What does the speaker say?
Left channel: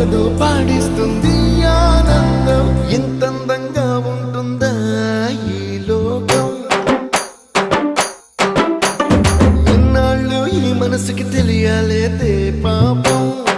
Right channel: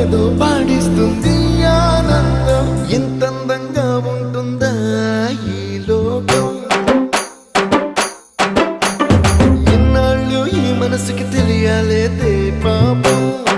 ఏదో పాడిస్తుంది ఆనందం. ఇంతందంగా ఉంటుందా ఈ లోకం? ఇన్నాళ్ళు ఈ మనసుకి తెలియాలేదే పాపం.